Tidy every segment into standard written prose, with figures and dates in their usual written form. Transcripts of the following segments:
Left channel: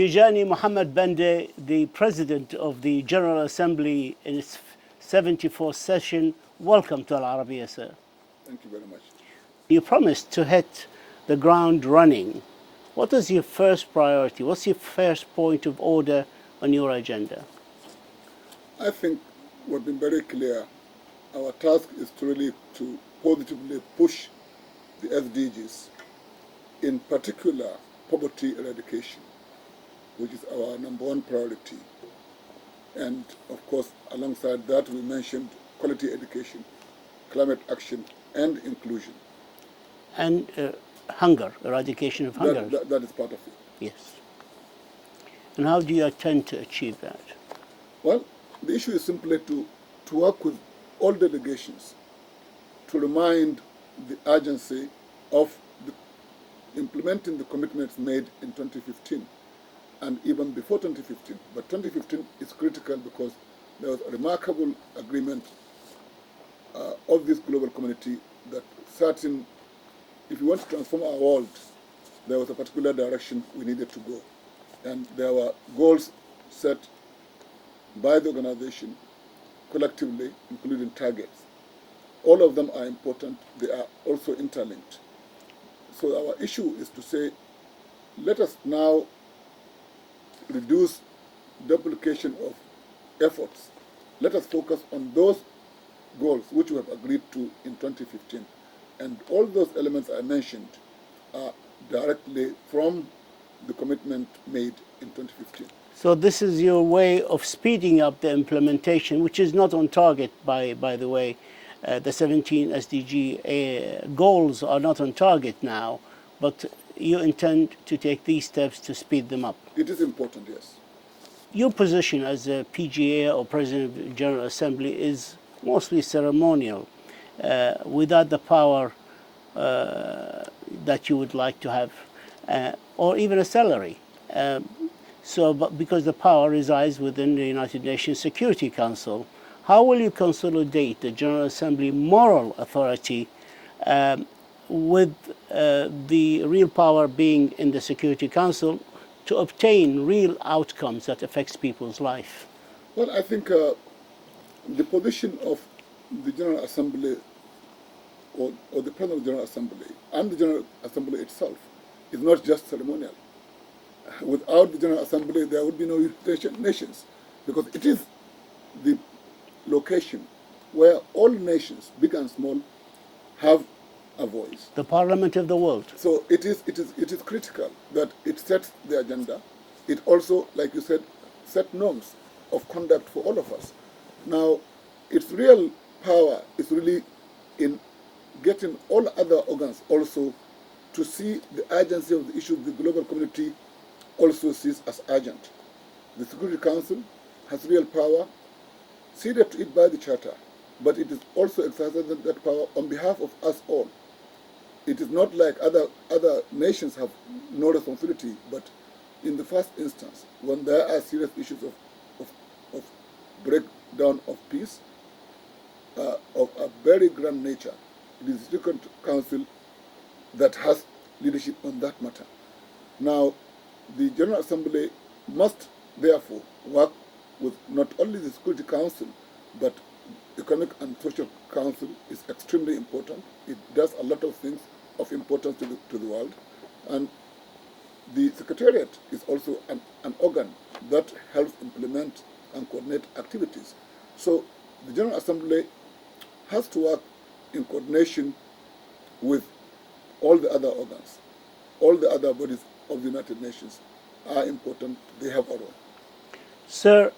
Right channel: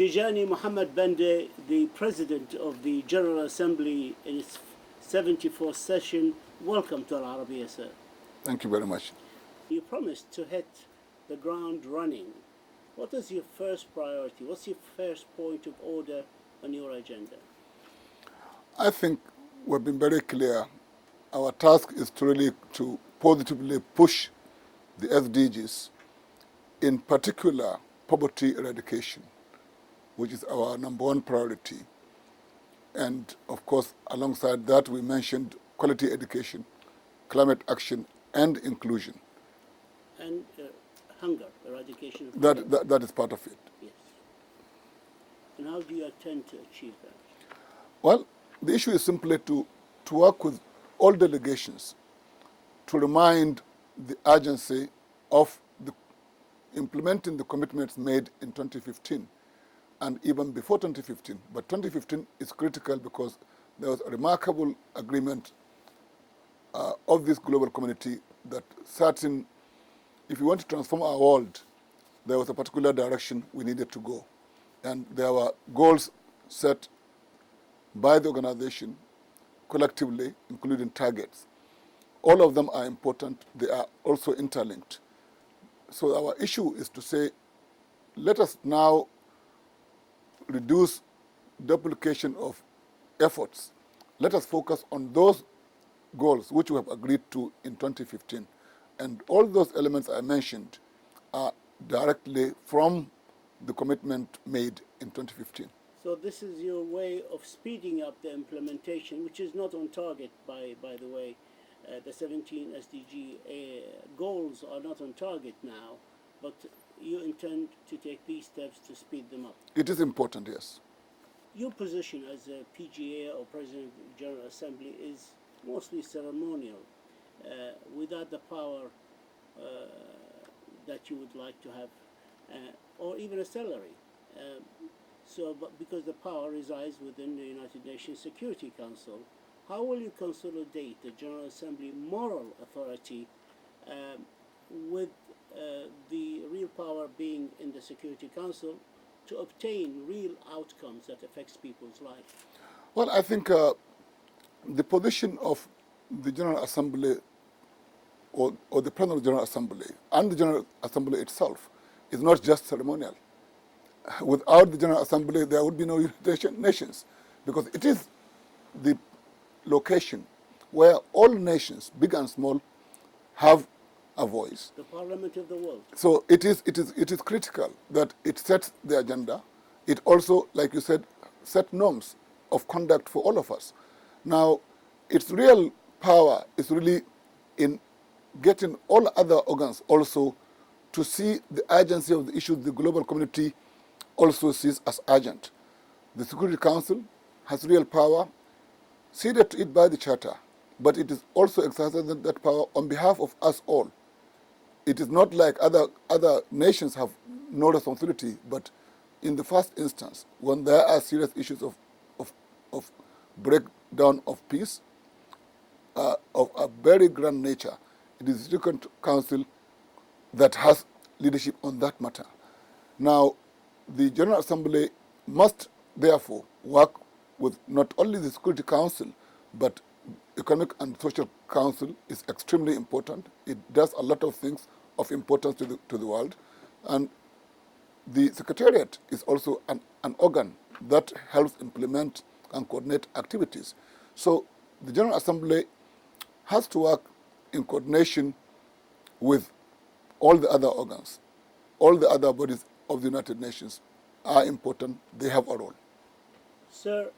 Tijani Muhammad-Bande, the President of the General Assembly in its 74th session, welcome to Al-Arabiya, sir. Thank you very much. You promised to hit the ground running. What is your first priority? What's your first point of order on your agenda? I think we've been very clear. Our task is to really to positively push the SDGs, in particular poverty eradication, which is our #1 priority. And of course, alongside that, we mentioned quality education, climate action, and inclusion. And hunger, eradication of hunger. That is part of it. Yes. And how do you intend to achieve that? Well, the issue is simply to work with all delegations to remind the agency of implementing the commitments made in 2015 and even before 2015. But 2015 is critical because there was a remarkable agreement of this global community that if we want to transform our world, there was a particular direction we needed to go. And there were goals set by the organization collectively, including targets. All of them are important. They are also interlinked. So our issue is to say, let us now reduce duplication of efforts. Let us focus on those goals which we have agreed to in 2015. And all those elements I mentioned are directly from the commitment made in 2015. So this is your way of speeding up the implementation, which is not on target, by the way. The 17 SDG goals are not on target now, but you intend to take these steps to speed them up. It is important, yes. Your position as a PGA or President of the General Assembly is mostly ceremonial, without the power that you would like to have, or even a salary. But because the power resides within the United Nations Security Council, how will you consolidate the General Assembly moral authority with the real power being in the Security Council to obtain real outcomes that affects people's life? Well, I think the position of the General Assembly or the President of the General Assembly and the General Assembly itself is not just ceremonial. Without the General Assembly, there would be no United Nations, because it is the location where all nations, big and small, have a voice. The Parliament of the world. So it is critical that it sets the agenda. It also, like you said, set norms of conduct for all of us. Now, its real power is really in getting all other organs also to see the urgency of the issues the global community also sees as urgent. The Security Council has real power, ceded to it by the Charter, but it is also exercising that power on behalf of us all. It is not like other nations have no responsibility, but in the first instance, when there are serious issues of breakdown of peace, of a very grand nature, it is the Security Council that has leadership on that matter. Now, the General Assembly must therefore work with not only the Security Council, but Economic and Social Council is extremely important. It does a lot of things of importance to the world. And the Secretariat is also an organ that helps implement and coordinate activities. So the General Assembly has to work in coordination with all the other organs. All the other bodies of the United Nations are important. They have a role. Sir,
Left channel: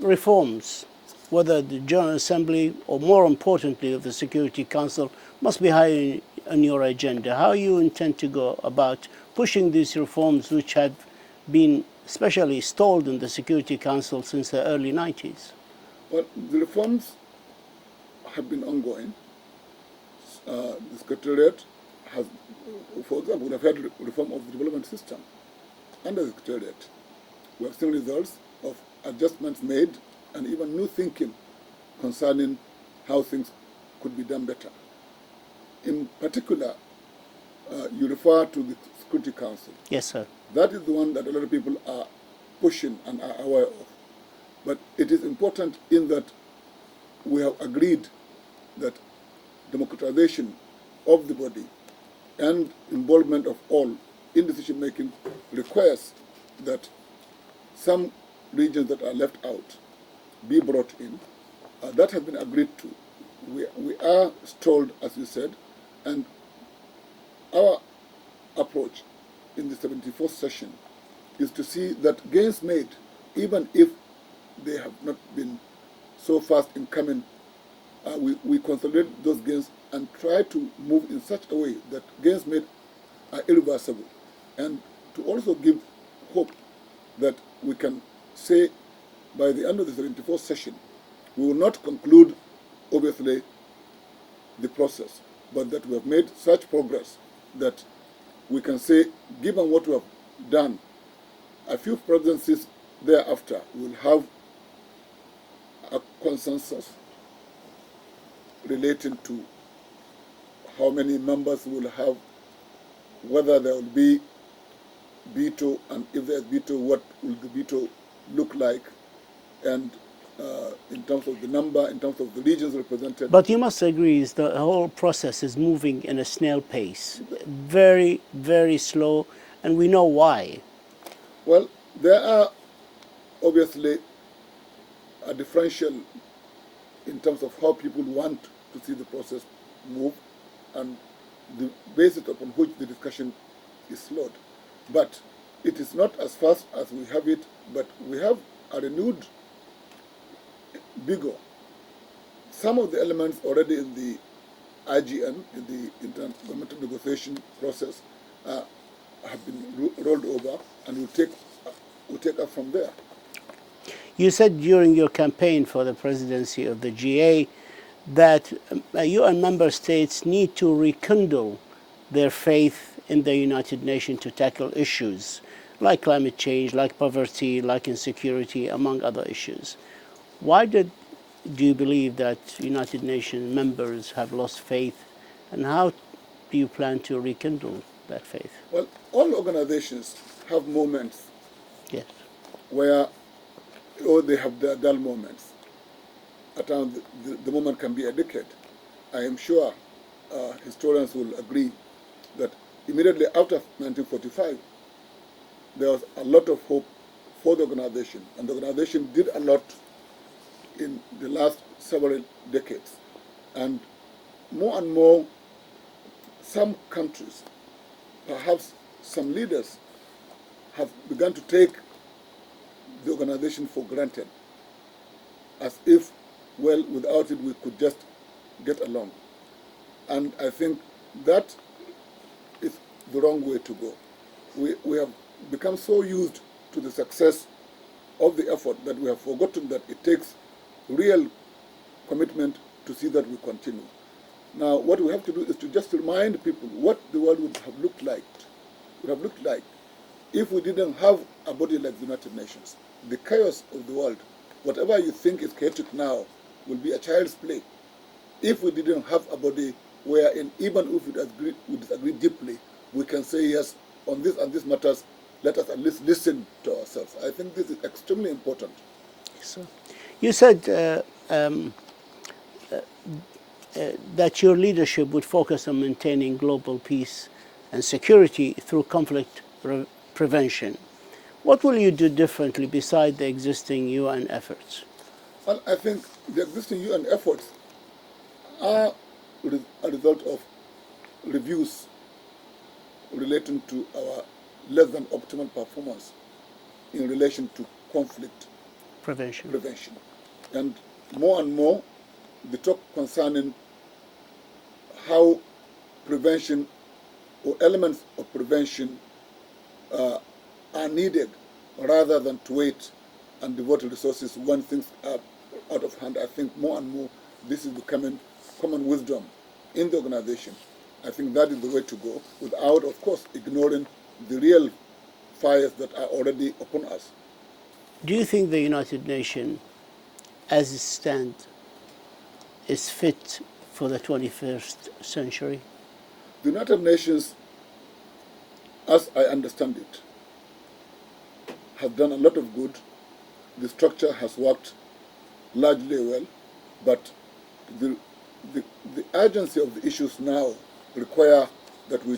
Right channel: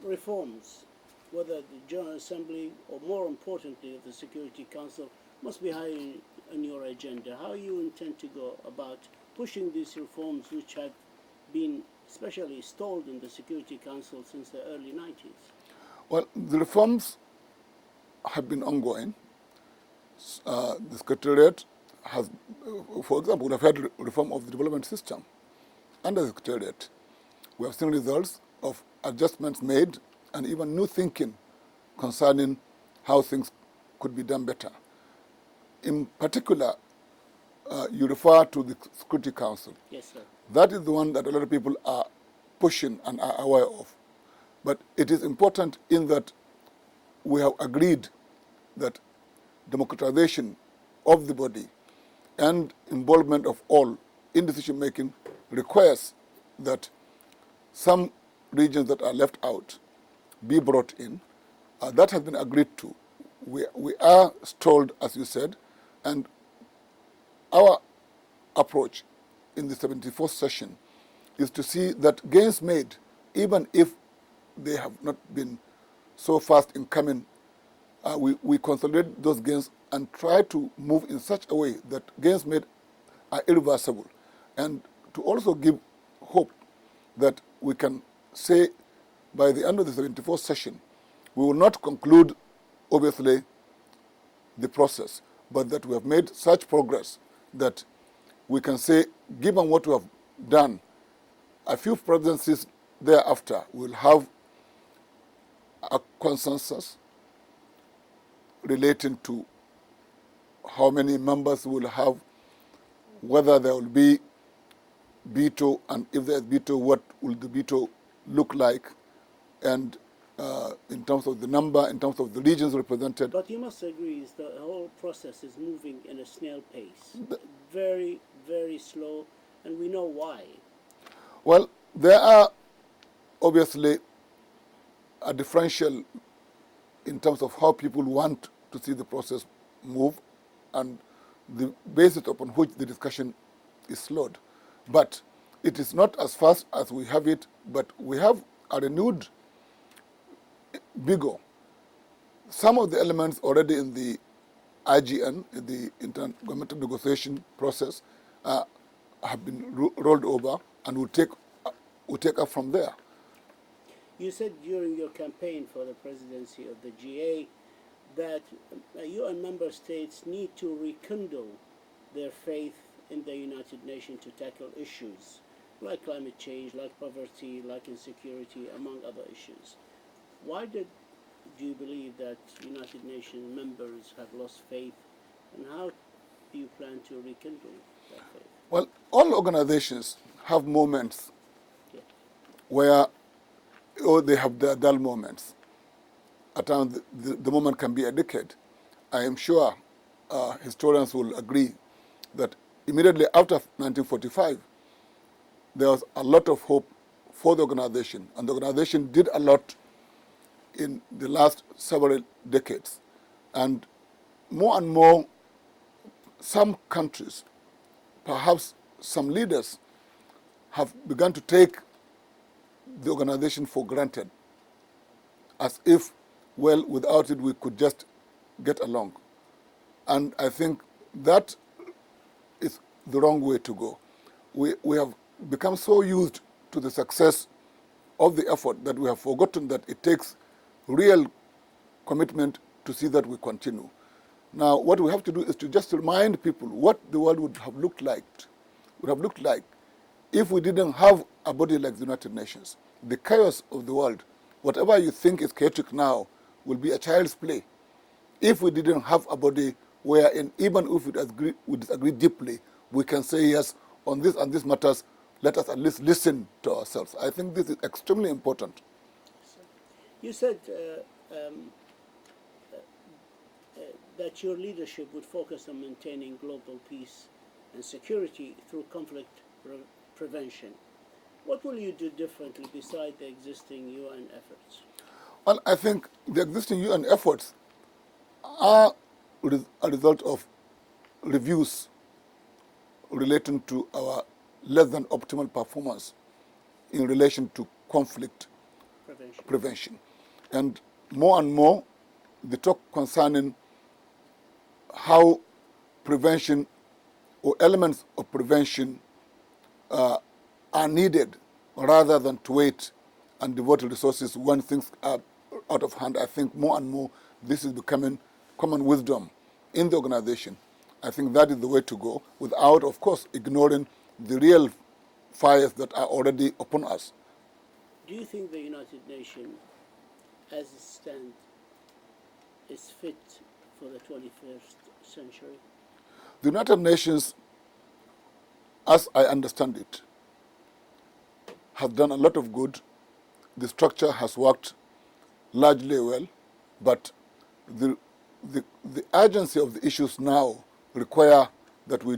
reforms, whether the General Assembly or more importantly of the Security Council, must be high on your agenda. How you intend to go about pushing these reforms which have been especially stalled in the Security Council since the early 90s? Well, the reforms have been ongoing. The Secretariat has, for example, we have had reform of the development system under the Secretariat. We have seen results of adjustments made and even new thinking concerning how things could be done better. In particular, you refer to the Security Council. Yes, sir. That is the one that a lot of people are pushing and are aware of. But it is important in that we have agreed that democratization of the body and involvement of all in decision-making requires that some regions that are left out be brought in. That has been agreed to. We are stalled, as you said, and our approach in the 74th session is to see that gains made, even if they have not been so fast in coming, we consolidate those gains and try to move in such a way that gains made are irreversible, and to also give hope that we can say by the end of the 74th session, we will not conclude, obviously, the process, but that we have made such progress that we can say, given what we have done, a few presidencies thereafter will have a consensus relating to how many members will have, whether there will be veto, and if there is veto, what will the veto look like, and in terms of the number, in terms of the regions represented. But you must agree is the whole process is moving in a snail pace, very, very slow, and we know why. Well, there are obviously a differential in terms of how people want to see the process move and the basis upon which the discussion is slowed. But it is not as fast as we have it, but we have a renewed vigor. Some of the elements already in the IGN, in the intergovernmental negotiation process, have been rolled over and will take up from there. You said during your campaign for the presidency of the GA that UN member states need to rekindle their faith in the United Nations to tackle issues like climate change, like poverty, like insecurity, among other issues. Why do you believe that United Nations members have lost faith, and how do you plan to rekindle that faith? Well, all organizations have moments Yes. where they have their dull moments. At times, the moment can be a decade. I am sure historians will agree that immediately after 1945, there was a lot of hope for the organization, and the organization did a lot in the last several decades. And more, some countries, perhaps some leaders, have begun to take the organization for granted, as if, well, without it we could just get along. And I think that is the wrong way to go. We have become so used to the success of the effort that we have forgotten that it takes real commitment to see that we continue. Now, what we have to do is to just remind people what the world would have looked like if we didn't have a body like the United Nations. The chaos of the world, whatever you think is chaotic now, will be a child's play if we didn't have a body wherein, even if we disagree deeply, we can say, yes, on this and this matters, let us at least listen to ourselves. I think this is extremely important. So, you said that your leadership would focus on maintaining global peace and security through conflict prevention. What will you do differently beside the existing UN efforts? Well, I think the existing UN efforts are a result of reviews relating to our less than optimal performance in relation to conflict prevention. And more, the talk concerning how prevention or elements of prevention are needed rather than to wait and devote resources when things are out of hand. I think more and more this is becoming common wisdom in the organization. I think that is the way to go, without, of course, ignoring the real fires that are already upon us. Do you think the United Nations, as it stands, is fit for the 21st century? The United Nations, as I understand it, has done a lot of good. The structure has worked largely well, but the, the urgency of the issues now require that we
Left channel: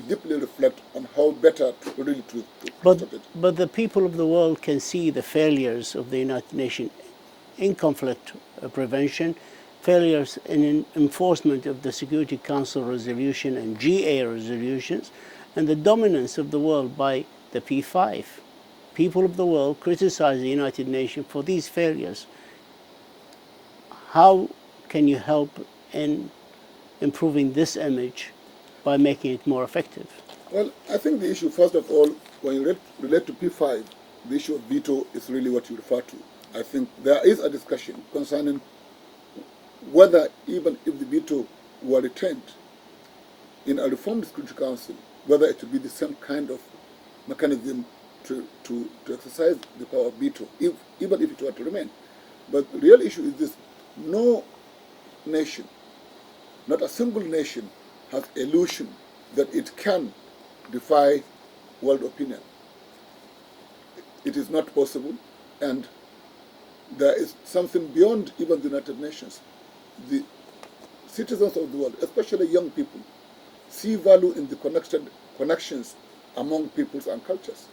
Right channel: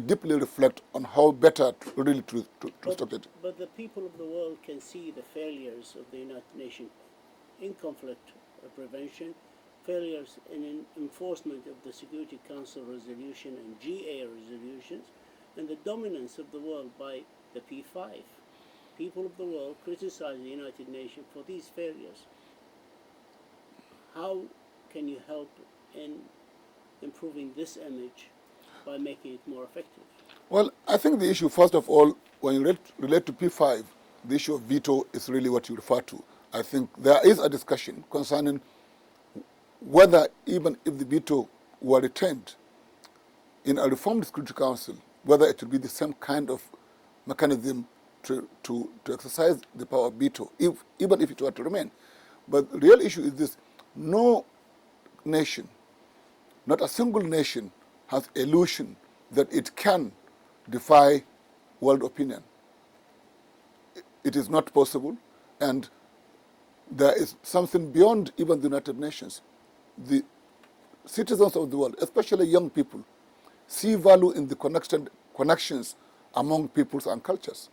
deeply reflect on how better really to structure it. But the people of the world can see the failures of the United Nations in conflict prevention, failures in enforcement of the Security Council resolution and GA resolutions, and the dominance of the world by the P5. People of the world criticize the United Nations for these failures. How can you help in improving this image by making it more effective? Well, I think the issue, first of all, when you relate to P5, the issue of veto is really what you refer to. I think there is a discussion concerning whether even if the veto were retained in a reformed Security Council, whether it would be the same kind of mechanism to exercise the power of veto, even if it were to remain. But the real issue is this: no nation, not a single nation, has illusion that it can defy world opinion. It is not possible, and there is something beyond even the United Nations. The citizens of the world, especially young people, see value in the connections among peoples and cultures.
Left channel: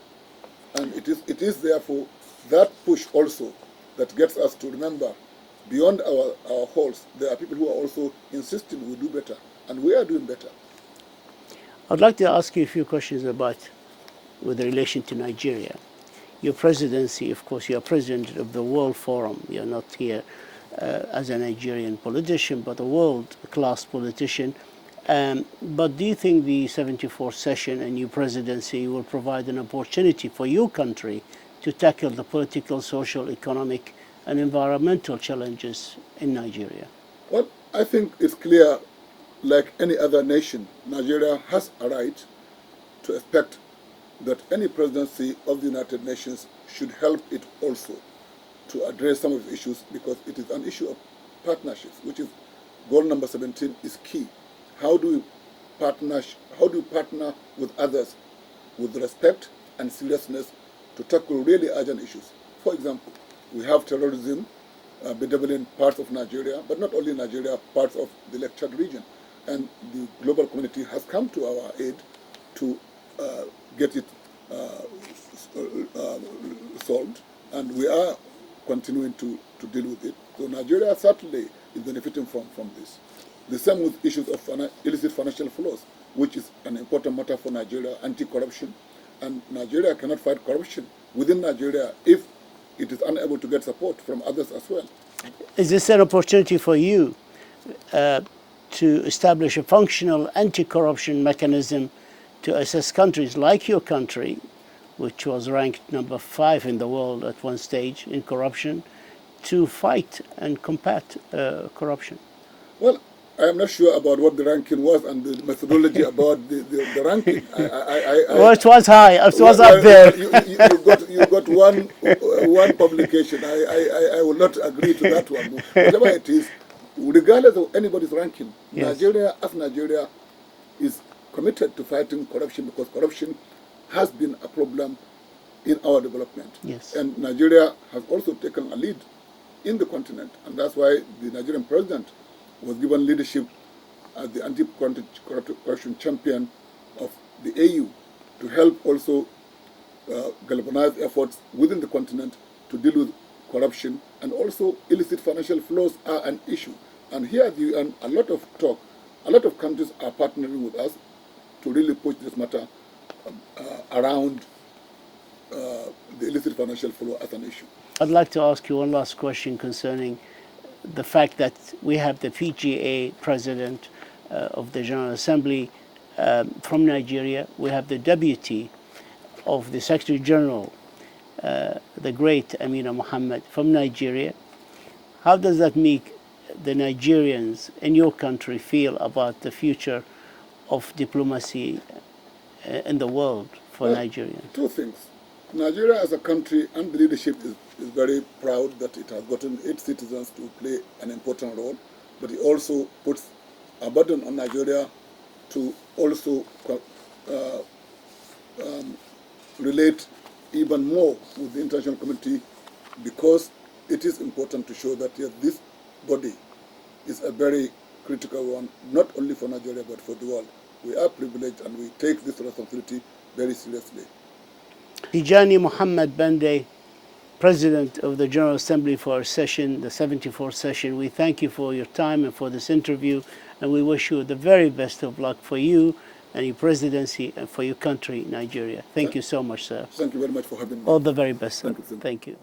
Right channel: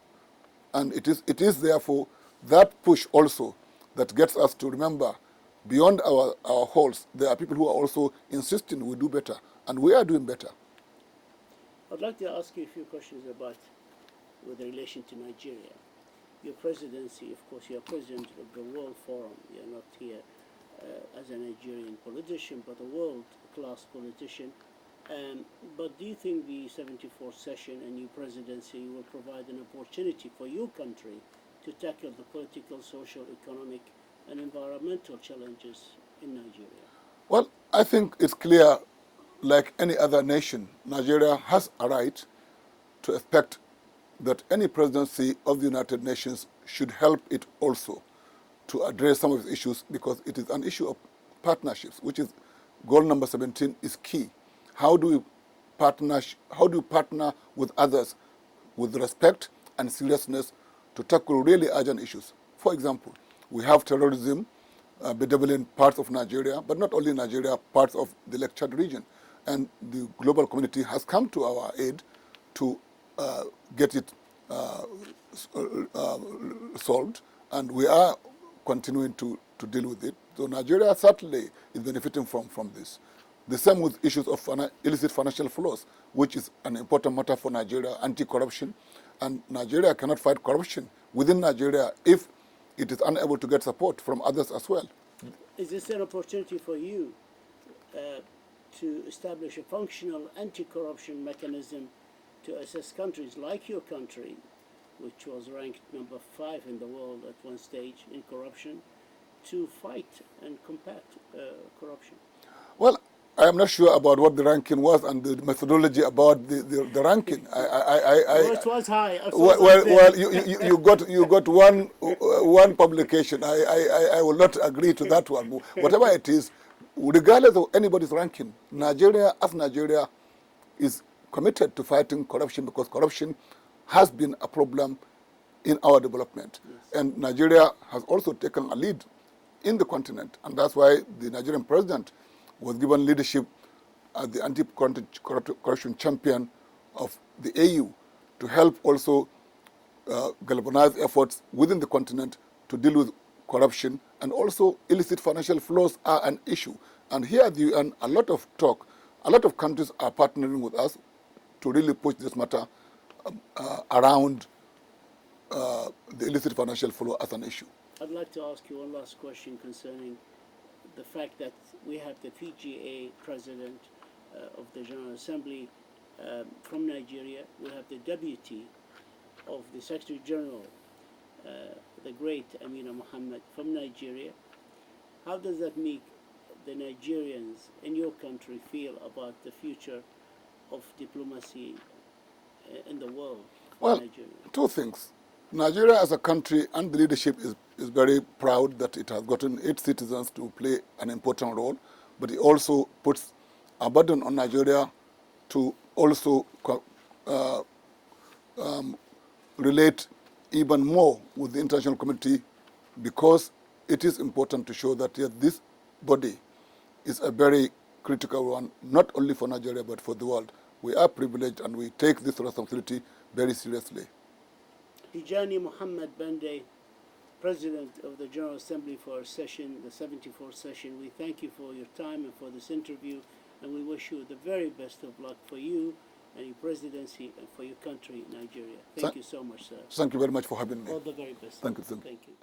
And it is therefore that push also that gets us to remember, beyond our halls, there are people who are also insisting we do better, and we are doing better. I'd like to ask you a few questions with relation to Nigeria. Your presidency, of course, you're president of the World Forum. You're not here as a Nigerian politician, but a world-class politician. But do you think the 74th session and your presidency will provide an opportunity for your country to tackle the political, social, economic, and environmental challenges in Nigeria? Well, I think it's clear, like any other nation, Nigeria has a right to expect that any presidency of the United Nations should help it also to address some of the issues, because it is an issue of partnerships, which is goal number 17 is key. How do you partner with others with respect and seriousness to tackle really urgent issues? For example, we have terrorism bedeviling parts of Nigeria, but not only Nigeria, parts of the Lake Chad region. And the global community has come to our aid to get it solved, and we are continuing to deal with it. So Nigeria certainly is benefiting from this. The same with issues of illicit financial flows, which is an important matter for Nigeria, anti-corruption. And Nigeria cannot fight corruption within Nigeria if it is unable to get support from others as well. Is this an opportunity for you to establish a functional anti-corruption mechanism to assess countries like your country, which was ranked number 5 in the world at one stage in corruption, to fight and combat corruption? Well, I am not sure about what the ranking was and the methodology about the ranking. Well, it was high. It was up there. You got one publication. I will not agree to that one. Whatever it is, regardless of anybody's ranking, yes, Nigeria is committed to fighting corruption, because corruption has been a problem in our development. Yes. And Nigeria has also taken a lead in the continent, and that's why the Nigerian president was given leadership as the anti-corruption champion of the AU to help also galvanize efforts within the continent to deal with corruption, and also illicit financial flows are an issue. And here at the UN, a lot of countries are partnering with us to really push this matter around the illicit financial flow as an issue. I'd like to ask you one last question concerning the fact that we have the PGA president of the General Assembly from Nigeria. We have the deputy of the Secretary General, the great Amina Mohammed, from Nigeria. How does that make the Nigerians in your country feel about the future of diplomacy in the world for Nigeria? Two things. Nigeria as a country and the leadership is very proud that it has gotten its citizens to play an important role, but it also puts a burden on Nigeria to also relate even more with the international community, because it is important to show that yes, this body is a very critical one, not only for Nigeria but for the world. We are privileged and we take this responsibility very seriously. Tijani Muhammad-Bande, President of the General Assembly for our session, the 74th session, we thank you for your time and for this interview, and we wish you the very best of luck for you and your presidency and for your country, Nigeria. Thank you so much, sir. Thank you very much for having me. All the very best, sir. Thank you. Thank you.